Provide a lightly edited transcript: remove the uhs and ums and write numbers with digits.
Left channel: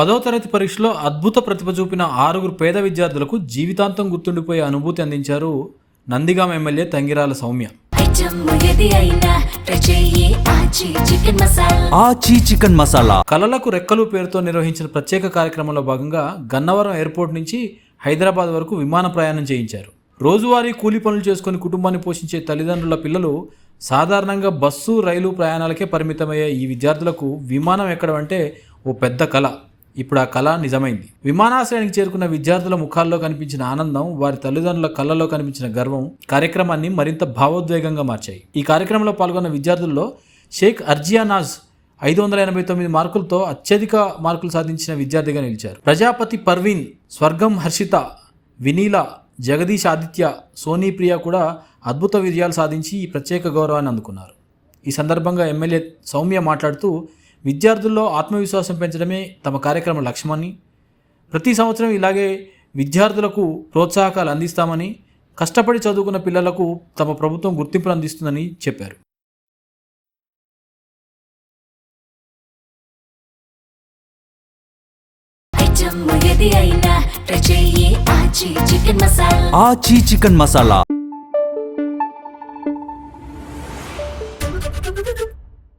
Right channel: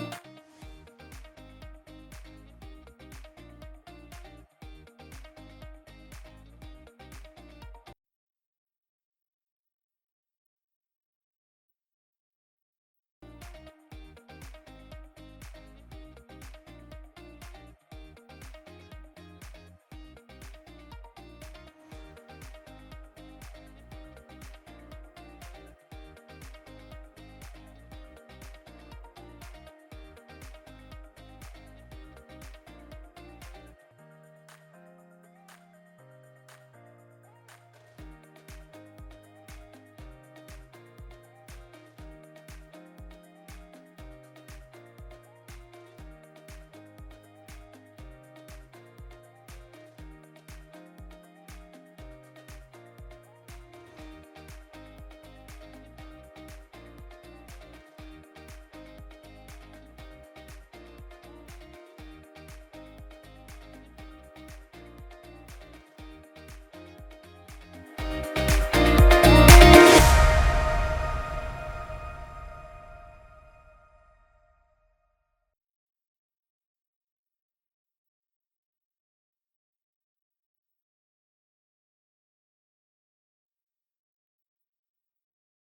10వ తరగతి పరీక్షలో అద్భుత ప్రతిభ చూపిన 6 పేద విద్యార్థులకు జీవితాంతం గుర్తుండిపోయే అనుభూతి అందించారు నందిగామ ఎమ్మెల్యే తంగిరాల సౌమ్య. ఆచి చికెన్ మసాలా కలలకు రెక్కలు పేరుతో నిర్వహించిన ప్రత్యేక కార్యక్రమంలో భాగంగా గన్నవరం ఎయిర్పోర్ట్ నుంచి హైదరాబాద్ వరకు విమాన ప్రయాణం చేయించారు. రోజువారీ కూలీ పనులు చేసుకుని కుటుంబాన్ని పోషించే తల్లిదండ్రుల పిల్లలు సాధారణంగా బస్సు రైలు ప్రయాణాలకే పరిమితమయ్యే ఈ విద్యార్థులకు విమానం ఎక్కడం అంటే ఓ పెద్ద కళ. ఇప్పుడు ఆ కళ నిజమైంది. విమానాశ్రయానికి చేరుకున్న విద్యార్థుల ముఖాల్లో కనిపించిన ఆనందం, వారి తల్లిదండ్రుల కళ్ళలో కనిపించిన గర్వం కార్యక్రమాన్ని మరింత భావోద్వేగంగా మార్చాయి. ఈ కార్యక్రమంలో పాల్గొన్న విద్యార్థుల్లో షేక్ అర్జియానాజ్ 589 మార్కులతో అత్యధిక మార్కులు సాధించిన విద్యార్థిగా నిలిచారు. ప్రజాపతి పర్వీన్, స్వర్గం హర్షిత, వినీల, జగదీష్ ఆదిత్య, సోనీ ప్రియ కూడా అద్భుత విజయాలు సాధించి ఈ ప్రత్యేక గౌరవాన్ని అందుకున్నారు. ఈ సందర్భంగా ఎమ్మెల్యే సౌమ్య మాట్లాడుతూ విద్యార్థుల్లో ఆత్మవిశ్వాసం పెంచడమే తమ కార్యక్రమ లక్ష్యమని, ప్రతి సంవత్సరం ఇలాగే విద్యార్థులకు ప్రోత్సాహకాలు అందిస్తామని, కష్టపడి చదువుకున్న పిల్లలకు తమ ప్రభుత్వం గుర్తింపును అందిస్తుందని చెప్పారు. ఆచి చికెన్ మసాలా